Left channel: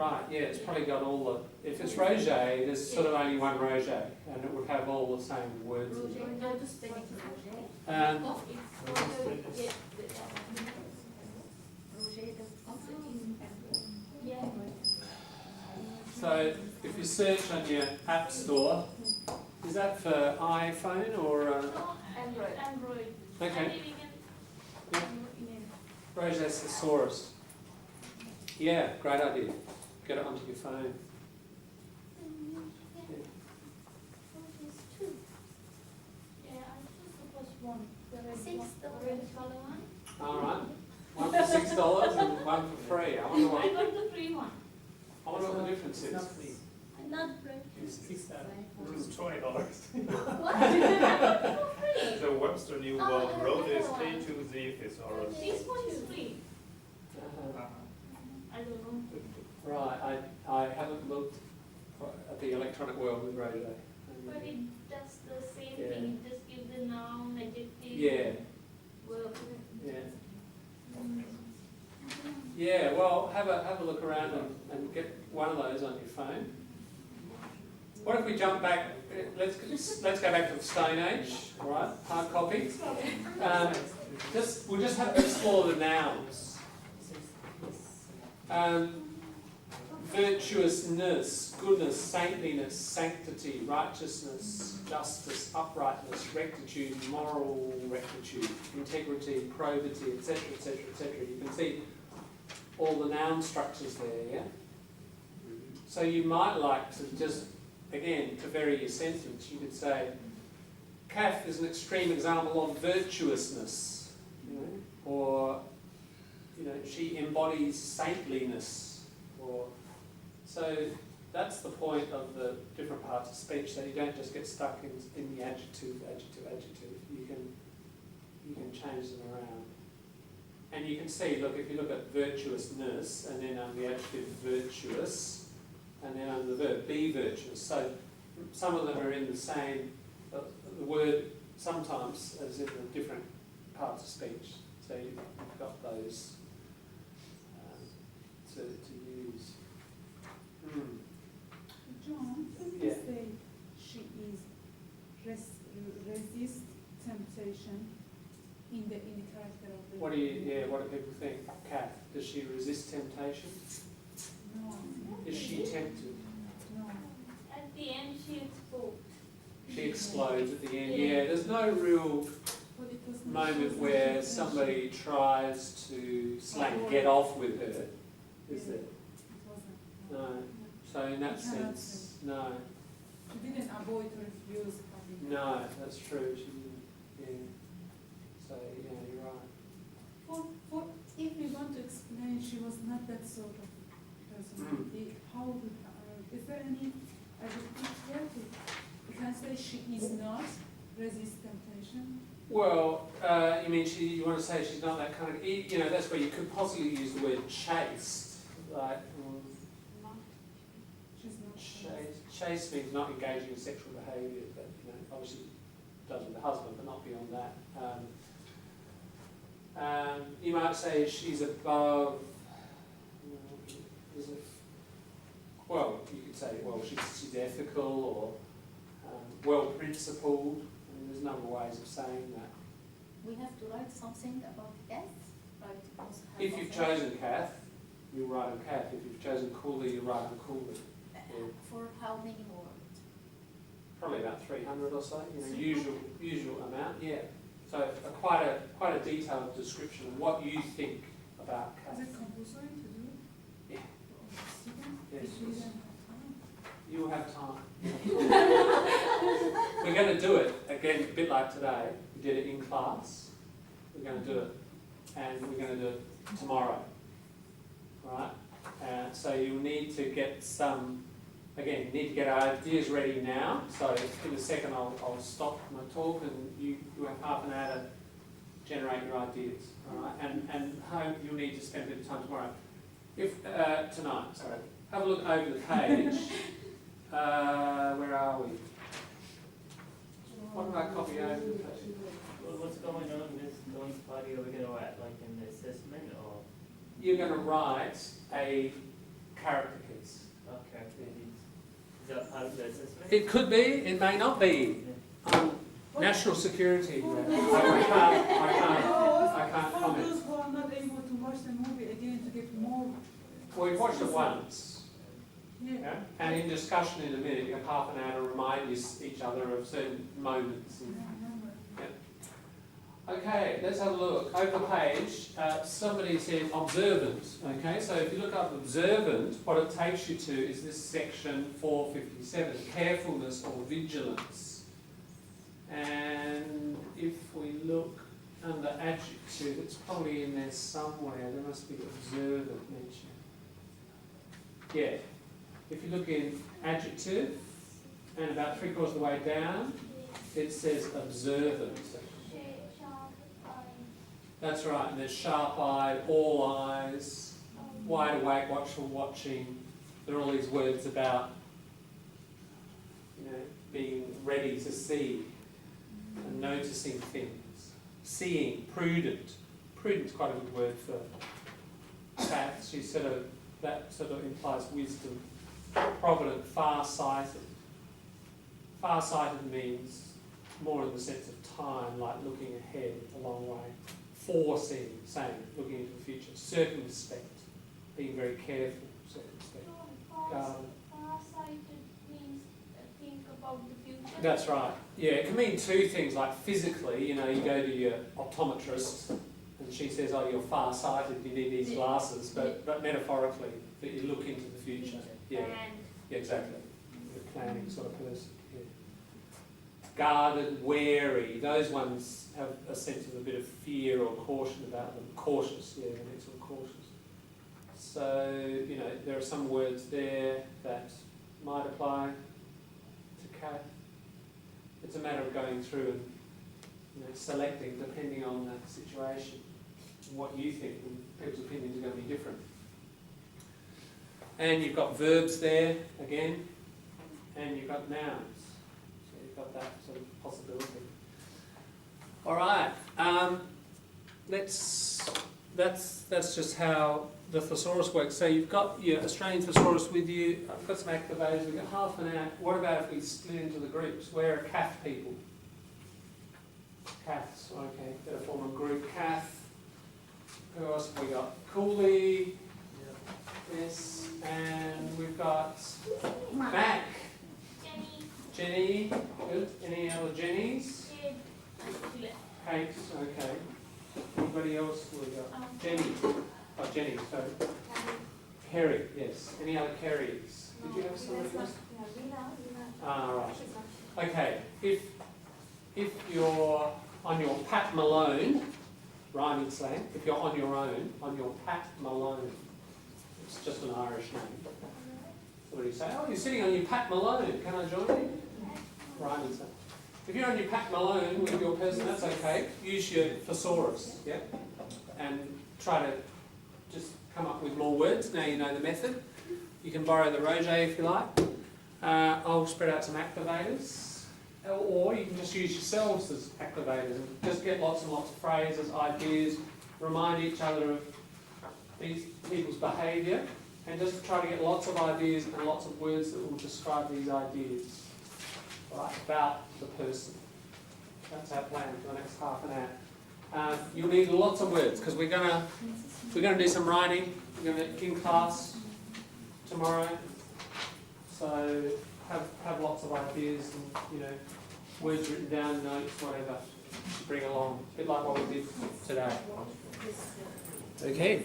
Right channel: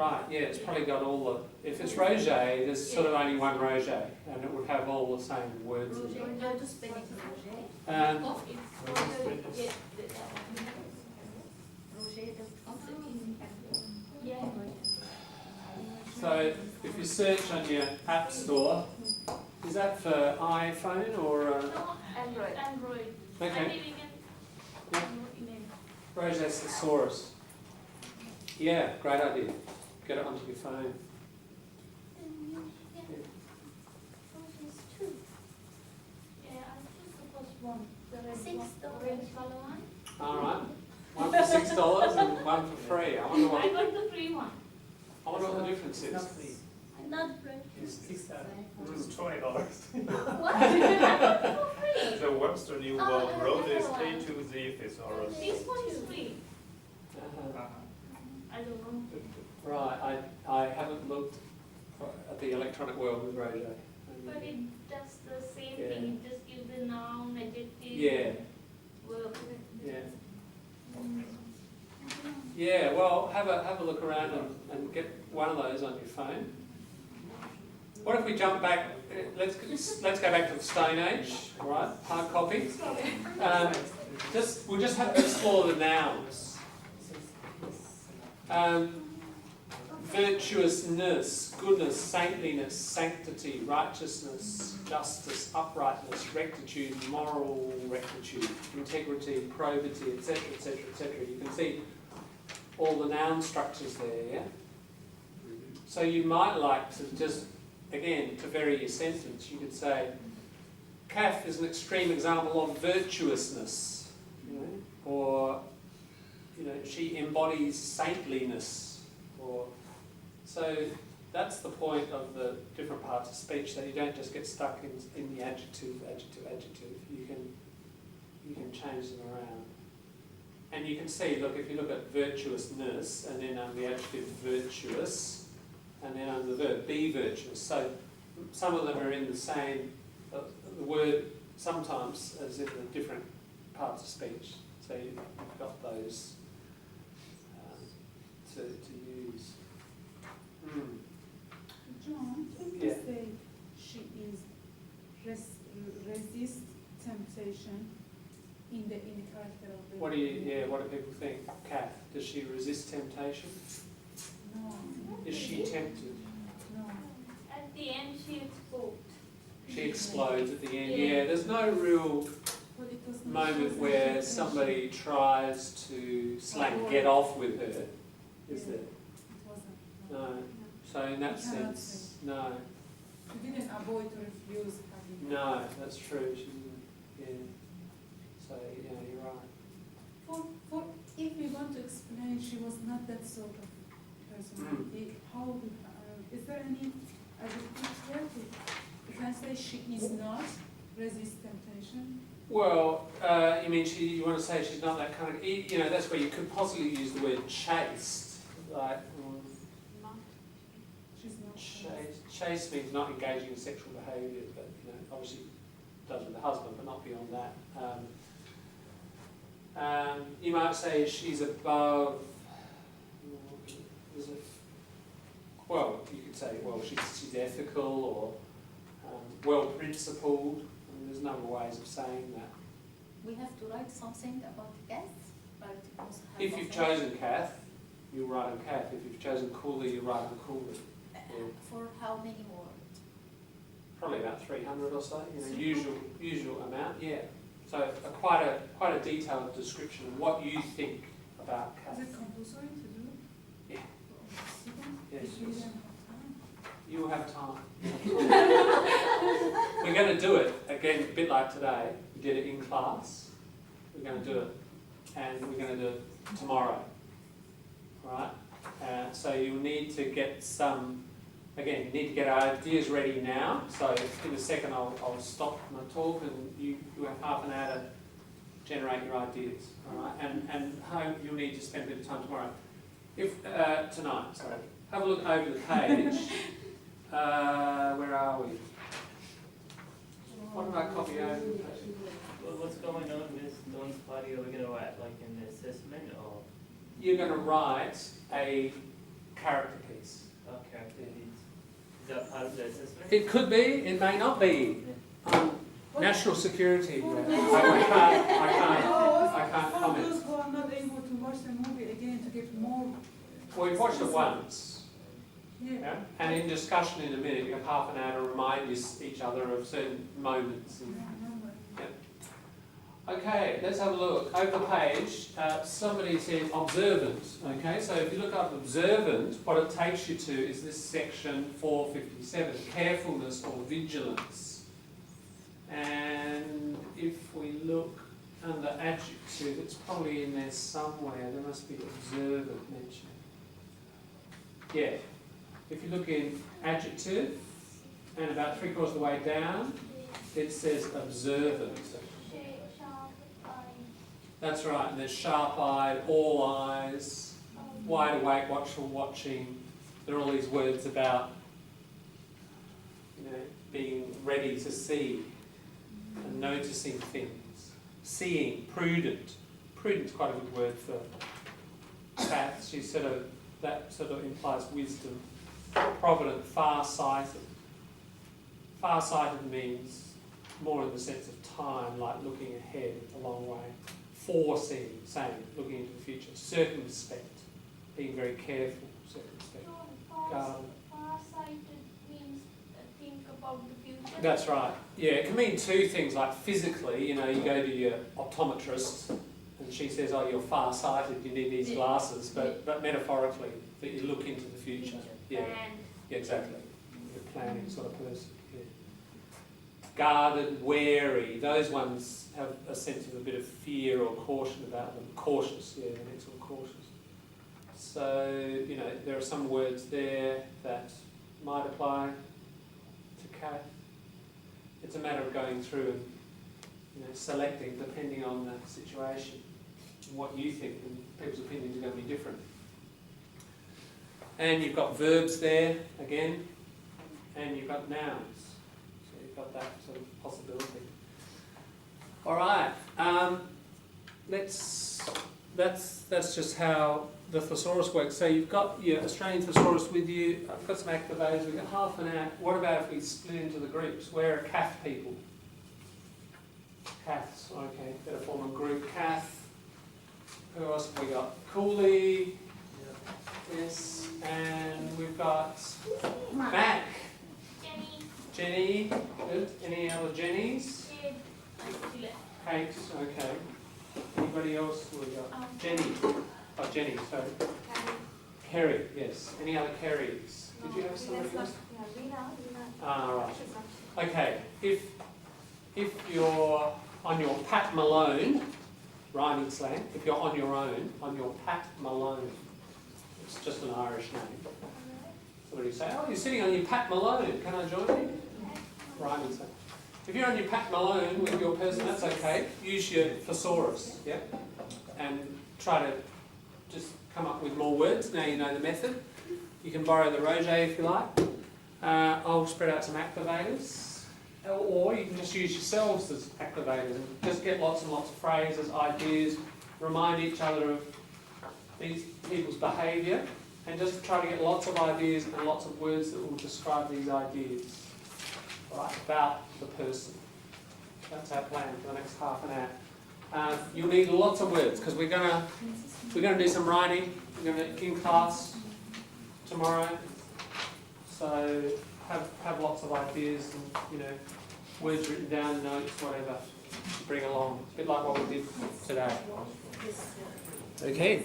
Right, yeah, it's probably got all the, if it's Roger, there's sort of only one Roger, and it would have all the same words in it. How to spell it? So if you search on your app store, is that for iPhone or? Android. Okay. Yeah. Roger Thesaurus. Yeah, great idea. Get it onto your phone. Alright. One for $6 and one for free. I wonder what. I got the free one. I wonder what the difference is. Not free. It's Mm. $20. Free. The Webster New World Road is A to Z thesaurus. This one is free. Uh-huh. I don't know. Right, I haven't looked at the electronic world with Roger. But it does the same Yeah. thing. It just gives the noun, adjective, Yeah, verb. yeah. Yeah, well, have a look around and get one of those on your phone. What if we jump back, let's go back to the Stone Age, all right, hard copy. We'll just have to explore the nouns. Virtuousness, goodness, saintliness, sanctity, righteousness, justice, uprightness, rectitude, moral rectitude, integrity, probity, etc., etc., etc. You can see all the noun structures there, yeah? So you might like to just, again, to vary your sentence, you could say, Kath is an extreme example of virtuousness, you know, or, you know, she embodies saintliness, or, so that's the point of the different parts of speech, that you don't just get stuck in the adjective. You can change them around. And you can see, look, if you look at virtuousness, and then under the adjective virtuous, and then under the verb be virtuous. So some of them are in the same, the word sometimes is in the different parts of speech. So you've got those to use. John, can Yeah. you say she is resist temptation in the character of the? What do people think? Kath, does she resist temptation? No. Is she tempted? No. At the end, she explodes. She explodes at the end. Yeah, there's no real But it does not moment show where temptation. somebody tries to get off with her, is there? It wasn't. No. So in that You cannot sense, no. She didn't avoid or refuse having. No, that's true. She didn't. Yeah. So yeah, you're right. For if we want to explain, she was not that sort of personality. How we, is there any adjective there? You can say she is not resist temptation. Well, you mean you want to say she's not that kind of, you know, that's where you could possibly use the word chaste, like, She's not. chaste means not engaging in sexual behaviour, but, you know, obviously does with the husband, but not beyond that. You might say she's above, well, you could say, well, she's ethical or well-principled. I mean, there's a number of ways of saying that. We have to write something about the guests, but also have If you've chosen Kath, you write on Kath. If you've chosen Cooley, you write on Cooley. Yeah. For how many words? Probably about 300 or so, you know, usual amount, yeah. So quite a detailed description of what you think about Kath. Is it compulsory to do it? Yeah. Yes. Yes. If you don't have time. You will have time. We're going to do it, again, a bit like today. We did it in class. We're going to do it, and we're going to do it tomorrow. Right? So you'll need to get some, again, you need to get our ideas ready now. So in a second I'll stop my talk and you have half an hour to generate your ideas. All right? And home you'll need to spend a bit of time tomorrow. Tonight, sorry. Have a look over the page. Where are we? What did I copy over the page? Well, what's going on in this Dawn's party? Are we going to write like an assessment or? You're going to write a character piece. the assessment? It could be, it may not be. National security. I can't For comment. those who are not able to watch the movie again to get more. We've watched it once, Yeah. yeah? And in discussion in a minute, you have half an hour to remind each other of certain moments. I remember. Okay, let's have a look. Over the page, somebody said observant. Okay, so if you look up observant, what it takes you to is this section 457, carefulness or vigilance. And if we look under adjective, it's probably in there somewhere. There must be observant mentioned. Yeah, if you look in adjective, and about 3/4 of the way down, it says observant. That's right, and there's sharp-eyed, all eyes, wide awake, watchful, watching. There are all these words about, being ready to see and noticing things. Seeing, prudent. Prudent's quite a good word for Kath. That sort of implies wisdom. Provident, far-sighted. Far-sighted means more in the sense of time, like looking ahead a long way. Foreseeing, saying, looking into the future. Circumspect, being very careful, circumspect. Far-sighted means think about the future. That's right. Yeah, it can mean two things, like physically, you go to your optometrist and she says, oh, you're far-sighted, you need these glasses, but metaphorically, that you look into the future. Yeah, yeah, exactly. You're a planning sort of person. Yeah. Guarded, wary, those ones have a sense of a bit of fear or caution about them. Cautious, yeah, the next one, cautious. So, there are some words there that might apply to Kath. It's a matter of going through and, selecting depending on the situation and what you think, and people's opinions are going to be different. And you've got verbs there, again, and you've got nouns. So you've got that sort of possibility. All right, that's just how the thesaurus works. So you've got your Australian thesaurus with you. I've got some activators. We've got half an hour. What about if we split into the groups? Where are Kath people? Kaths, okay, better form a group. Kath. Who else have we got? Cooley. Yes, and we've got Mac. Jenny. Good. Any other Jennies? Kate, okay. Anybody else? We got Jenny. Oh, Jenny, sorry. Kerry, yes. Any other Kerrys? Did you have somebody else? Ah, right. Okay. If you're on your Pat Malone, rhyming slang, if you're on your own, on your Pat Malone, it's just an Irish name. Somebody say, oh, you're sitting on your Pat Malone, can I join you? Rhyming slang. If you're on your Pat Malone with your person, that's okay. Use your thesaurus, yeah? And try to just come up with more words. Now you know the method. You can borrow the Roger if you like. I'll spread out some activators. Or you can just use yourselves as activators and just get lots and lots of phrases, ideas, remind each other of these people's behaviour, and just try to get lots of ideas and lots of words that will describe these ideas, right, about the person. That's our plan for the next half an hour. You'll need lots of words because we're gonna do some writing. We're gonna in class tomorrow. So have lots of ideas and words written down, notes, whatever to bring along. A bit like what we did today. Okay.